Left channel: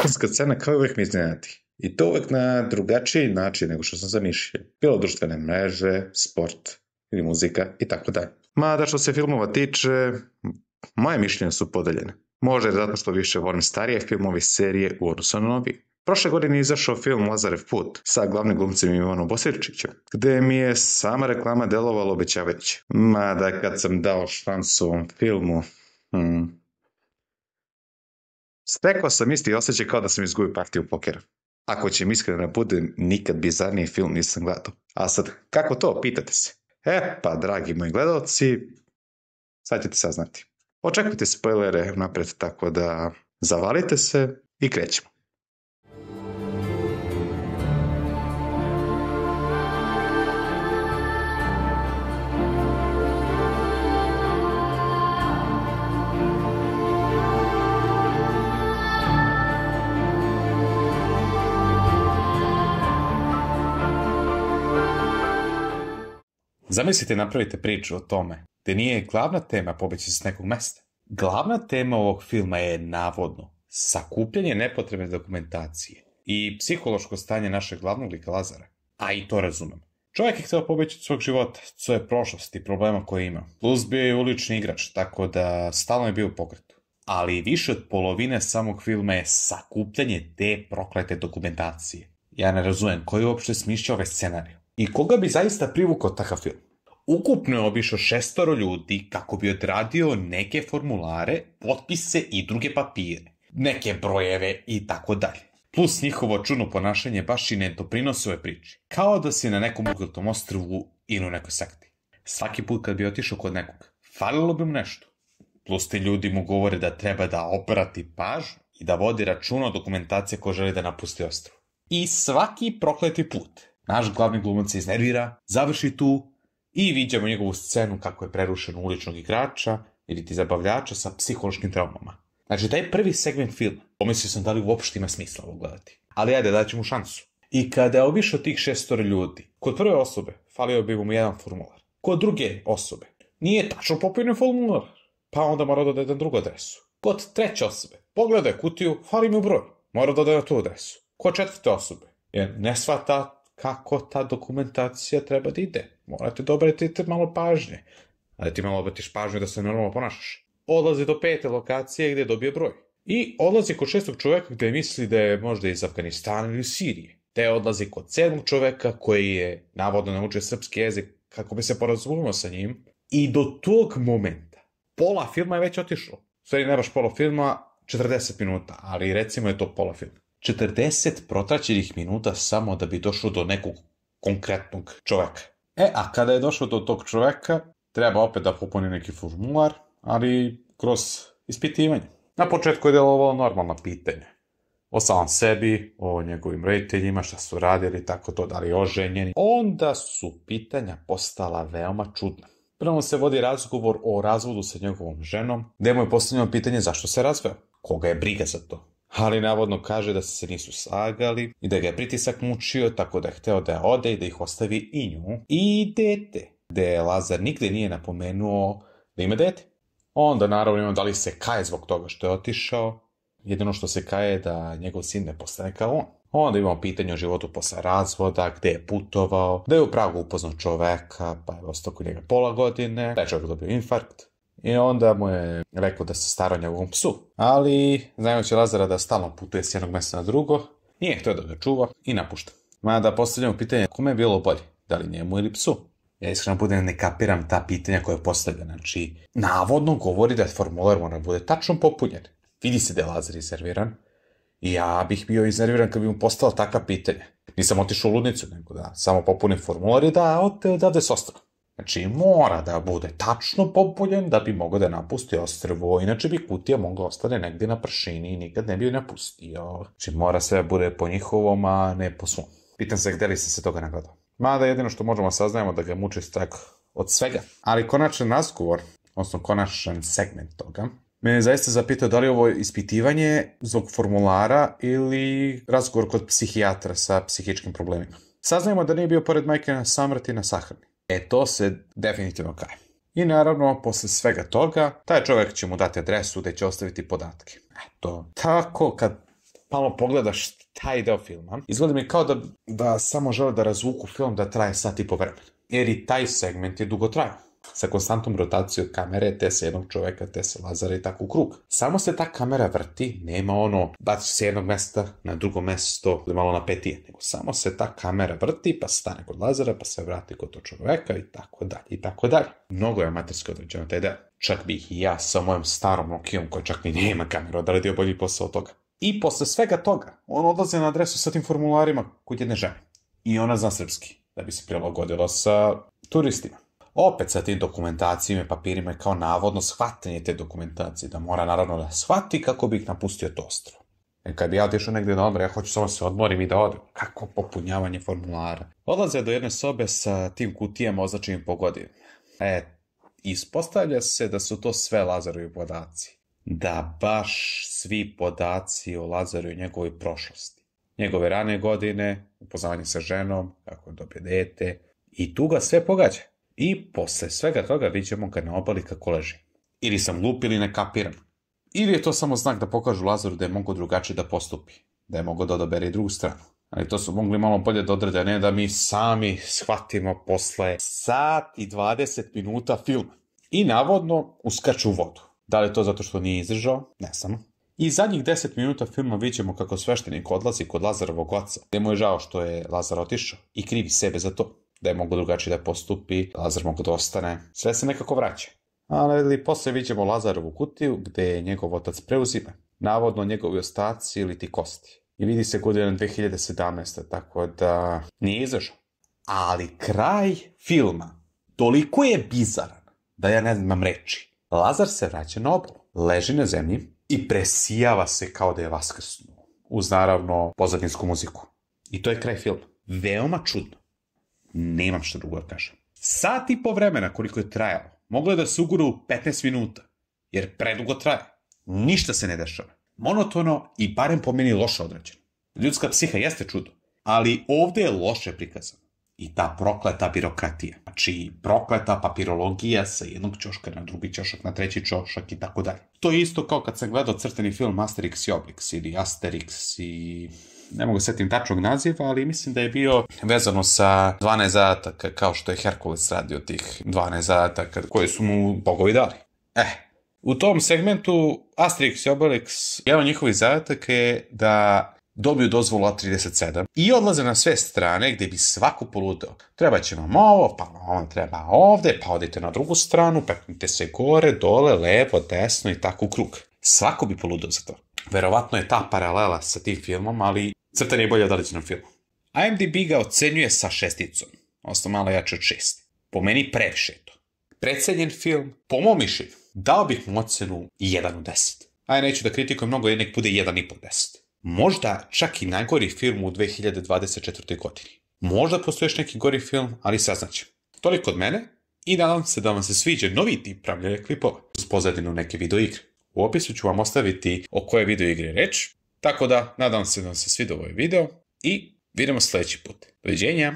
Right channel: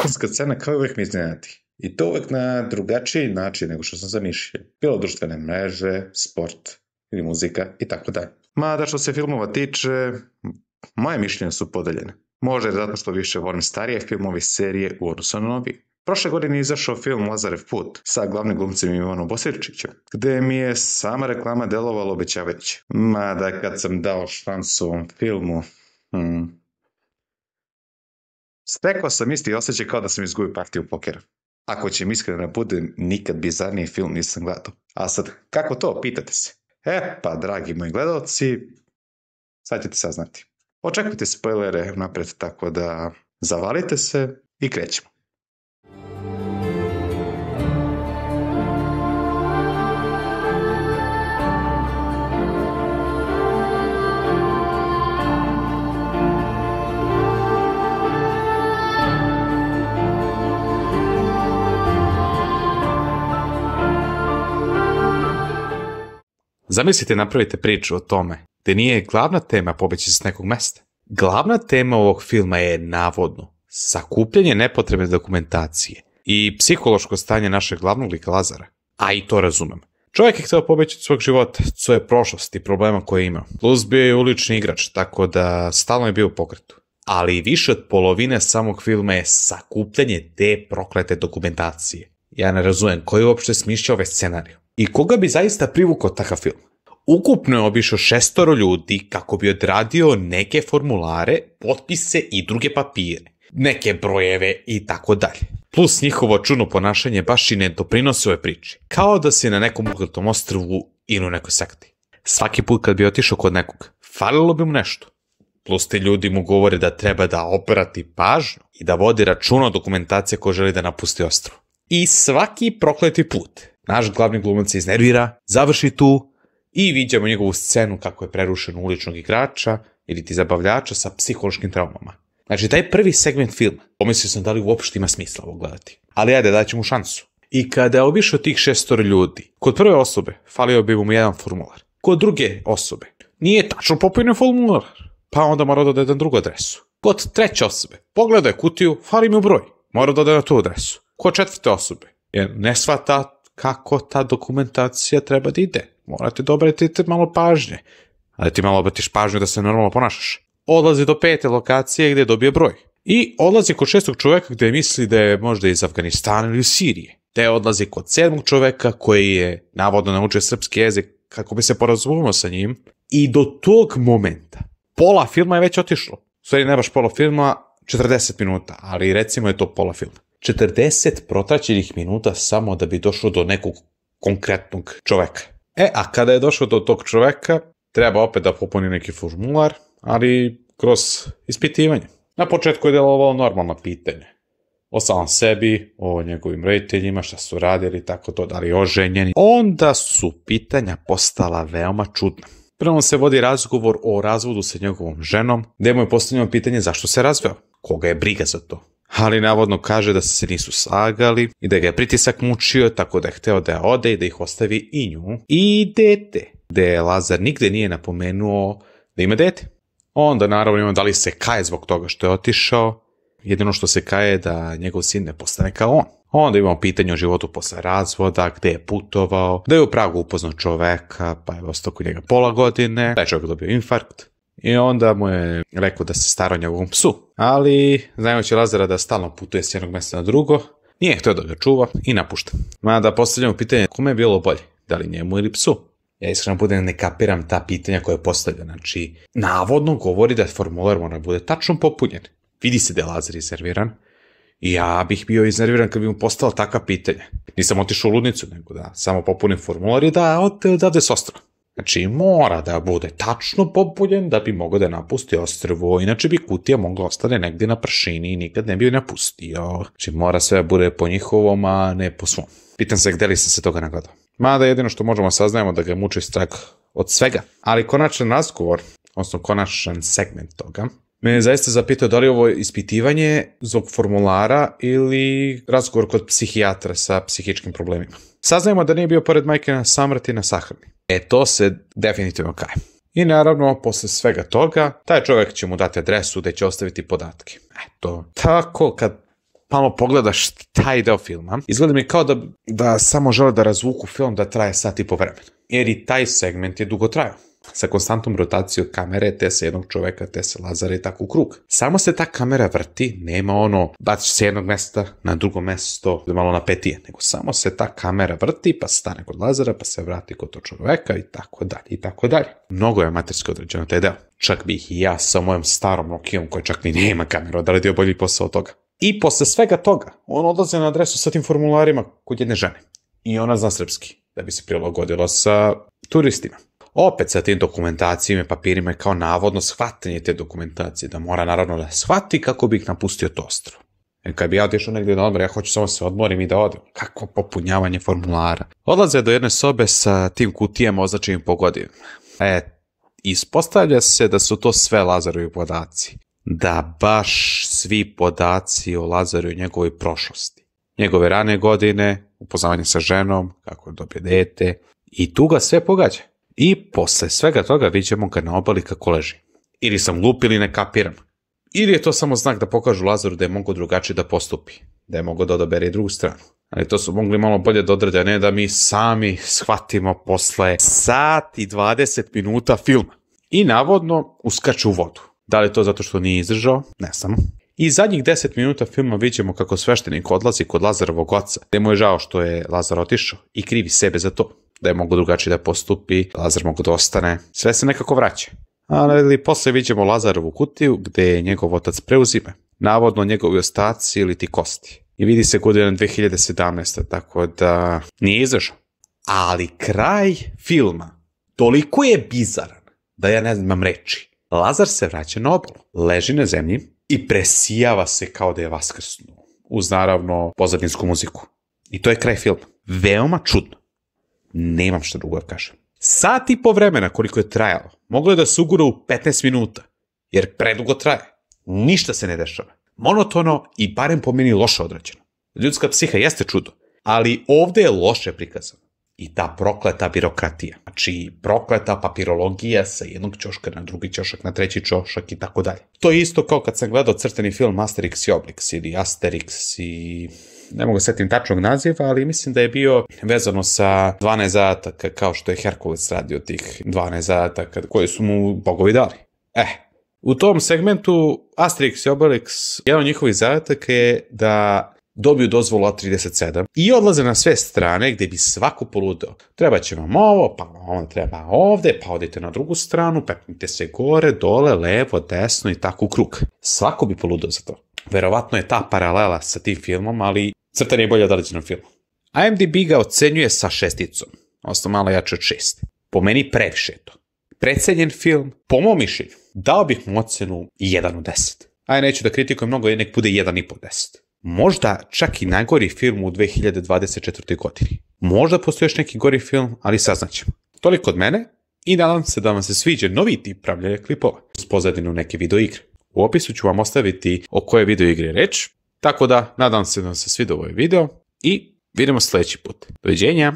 zatvorska scena kao uvijek me iznenadi. I to uvijek na drugačiji način nego što sam zamišljao. Bilo društvene mreže, sport ili muzika i tako dalje. Mada što se filmova tiče, moje mišljenje su podeljene. Možda je zato što više volim starije filmove serije u odnosu na novi. Prošle godine je izašao film Lazarev put sa glavnim glumcem Ivanom Bosirčićem, gdje mi je sama reklama delovala obećavajuće. Mada kad sam dao šansu ovom filmu, stekao sam isti osjećaj kao da sam izgubio partiju pokera. Ako će mi iskreno budem, nikad bizarniji film nisam gledao. A sad, kako to, pitate se? Pa, dragi moji gledalci, sad ćete saznati. Očekujte spoilere napred, tako da zavalite se i krećemo. Zamislite, napravite priču o tome gdje nije glavna tema pobeći s nekog mesta. Glavna tema ovog filma je navodno sakupljanje nepotrebne dokumentacije i psihološko stanje našeg glavnog lika Lazara. A i to razumem. Čovjek je htio pobeći od svog života, svoje prošlosti i problema koje je imao. Plus bio je ulični igrač, tako da stalno je bio u pokretu. Ali više od polovine samog filma je sakupljanje te proklete dokumentacije. Ja ne razumem koji je uopšte smišljao ovaj scenarij. I koga bi zaista privukao takav film? Ukupno je obišao 6 ljudi kako bi odradio neke formulare, potpise i druge papire, neke brojeve i tako dalje. Plus njihovo čudno ponašanje baš i ne doprinosi ovoj priči. Kao da si na nekom ugletom ostrvu ili u nekoj sekti. Svaki put kad bi otišao kod nekog, falilo bi mu nešto. Plus ti ljudi mu govore da treba da obrati pažnju i da vodi računa o dokumentaciji ko želi da napusti ostrvo. I svaki prokleti put naš glavni glumac se iznervira, završi tu i viđamo njegovu scenu kako je prerušen uličnog igrača ili ti zabavljača sa psihološkim traumama. Znači, taj prvi segment filma, pomislio sam da li uopšte ima smisla ovo gledati. Ali ajde, daću mu šansu. I kada je obišao tih 6 ljudi, kod prve osobe falio bi mu jedan formular. Kod druge osobe nije tačno popunjen formular, pa onda mora dodati na drugu adresu. Kod treće osobe pogledaj kutiju, fali mu broj, mora dodati na tu adresu. Kod četvrte osobe jer ne shvata kako ta dokumentacija treba da ide. Morate da obratite malo pažnje. Ali ti malo obratiš pažnju da se normalno ponašaš. Odlazi do 5. lokacije gdje dobije broj. I odlazi kod 6. čovjeka gdje misli da je možda iz Afganistana ili Sirije. Te odlazi kod 7. čovjeka koji je navodno naučio srpski jezik kako bi se porazumio sa njim. I do tog momenta pola filma je već otišlo. U stvari ne baš pola filma, 40 minuta, ali recimo je to pola filma. 40 protraćenih minuta samo da bi došlo do nekog konkretnog čoveka. A kada je došao do tog čoveka, treba opet da popuni neki formular, ali kroz ispitivanje. Na početku je delovalo normalno pitanje. O samom sebi, o njegovim roditeljima, šta su radili, tako to, da li oženjeni. Onda su pitanja postala veoma čudna. Prvo se vodi razgovor o razvodu sa njegovom ženom, gdje mu je postavljeno pitanje zašto se razveo. Koga je briga za to? Ali navodno kaže da se nisu slagali i da ga je pritisak mučio, tako da je hteo da ode i da ih ostavi i nju i dete, gde Lazar nigde nije napomenuo da ima dete. Onda naravno ima da li se kaje zbog toga što je otišao, jedino što se kaje je da njegov sin ne postane kao on. Onda imamo pitanje o životu posle razvoda, gde je putovao, da je u Pragu upoznao čoveka, pa je ostao kod njega pola godine, taj čovjek dobio infarkt. I onda mu je rekao da se stara o njegovom psu. Ali, znajući Lazara da stalno putuje s jednog mjesta na drugo, nije htio da ga čuva i napušta. Mada postavljamo pitanje kome je bilo bolje, da li njemu ili psu. Ja iskreno budem ne kapiram ta pitanja koje postavlja. Znači, navodno govori da formular mora bude tačno popunjen. Vidi se da je Lazar iznerviran. I ja bih bio iznerviran kad bi mu postala takva pitanja. Nisam otišao u ludnicu, nego da samo popunim formular i da odavde s ostrva. Znači, mora da bude tačno popunjen da bi mogao da napusti ostrvo, inače bi kutija mogla ostane negdje na pršini i nikad ne bi joj napustio. Znači, mora sve bude po njihovom, a ne po svom. Pitam se gdje li sam se toga nagledao. Mada jedino što možemo saznajemo da ga muči strah od svega. Ali konačan razgovor, odnosno konačan segment toga, me je zaista zapitao da li je ovo ispitivanje zbog formulara ili razgovor kod psihijatra sa psihičkim problemima. Saznajemo da nije bio pored majke na samrti na sahrani. To se definitivno kaje. I naravno, posle svega toga, taj čovjek će mu dati adresu gdje će ostaviti podatke. Tako, kad malo pogledaš taj deo filma, izgleda mi kao da samo žele da razvuku film da traje sat i po vremena. Jer i taj segment je dugo trajao. Sa konstantnom rotacijom kamere, te sa jednog čoveka, te sa Lazara i tako u krug. Samo se ta kamera vrti, nema ono, baciš se jednog mesta na drugo mesto, da malo napetije, nego samo se ta kamera vrti, pa stane kod Lazara, pa se vrati kod tog čoveka i tako dalje, i tako dalje. Mnogo je amaterski određeno taj deo. Čak bih i ja sa mojom starom Nokijom, koja čak ni nema kameru, odredio bolji posao od toga. I posle svega toga, on odlaze na adresu sa tim formularima kod jedne žene. I ona zna srpski, da bi se prilagodila sa turistima. Opet sa tim dokumentacijama i papirima je kao navodno shvatanje te dokumentacije, da mora naravno da shvati kako bi ih napustio to ostrvo. Kad bi ja otišao negdje dobro, ja hoću samo se odmorim i da odem. Kako popunjavanje formulara. Odlaze do jedne sobe sa tim kutijama označenim po godinama. Ispostavlja se da su to sve Lazarovi podaci. Da baš svi podaci o Lazaru i njegovoj prošlosti. Njegove rane godine, upoznavanje sa ženom, kako je dobio dete. I tu ga sve pogađa. I posle svega toga vidimo ga na obali kako leži. Ili sam glup ili ne kapiram. Ili je to samo znak da pokažu Lazaru da je mogao drugačije da postupi. Da je mogao da odabere i drugu stranu. Ali to su mogli malo bolje da odrede, ne da mi sami shvatimo posle sat i 20 minuta filma. I navodno uskaču u vodu. Da li je to zato što nije izdržao? Ne znam. I zadnjih 10 minuta filma vidimo kako sveštenik odlazi kod Lazarovog oca. Gde mu je žao što je Lazar otišao i krivi sebe za to. Da je mogo drugačije da postupi, Lazar mogo da ostane. Sve se nekako vraća. Ali posle vidimo Lazarovu kutiju gde je njegov otac preuzime. Navodno njegovi ostaci ili ti kosti. I vidi se godina 2017. Tako da nije izašao. Ali kraj filma toliko je bizaran da ja ne znam reči. Lazar se vraća na obalu, leži na zemlji i presijava se kao da je vaskrsnuo. Uz naravno pozadinsku muziku. I to je kraj filma. Veoma čudno. Nemam što drugo da kažem. Sat i po vremena koliko je trajalo, moglo je da se ugura u 15 minuta, jer predugo traje. Ništa se ne dešava. Monotono i barem po meni loše odrađeno. Ljudska psiha jeste čudo, ali ovde je loše prikazano. I ta prokleta birokratija. Znači, prokleta papirologija sa jednog ćoška na drugi ćošak, na treći ćošak i tako dalje. To je isto kao kad sam gledao crteni film Asterix i Obelix ili Asterix i... Ne mogu setim tačnog naziva, ali mislim da je bio vezano sa 12 zadataka, kao što je Herkules radio tih 12 zadataka koje su mu bogovi dali. U tom segmentu Asterix i Obelix, jedan od njihovih zadataka je da dobiju dozvolu A37 i odlaze na sve strane gde bi svako poludeo. Treba će vam ovo, pa vam treba ovde, pa odite na drugu stranu, peknite se gore, dole, levo, desno i tako u krug. Svako bi poludeo za to. Verovatno je ta paralela sa tim filmom, ali crtan je bolje određenom filmu. IMDb ga ocenjuje sa 6, odnosno malo jače od 6. Po meni previše to. Precenjen film, po mom mišljenju, dao bih mu ocenu 1 od 10. Neću da kritikujem mnogo, jer nek bude 1,5 od 10. Možda čak i najgori film u 2024. godini. Možda postoji još neki gori film, ali saznaćemo. Toliko od mene i nadam se da vam se sviđa novi tip pravljanja klipova uz pozadinu neke videoigre. U opisu ću vam ostaviti o koje videoigre reč, tako da nadam se da vam se sviđa ovaj video i vidimo sljedeći put. Doviđenja!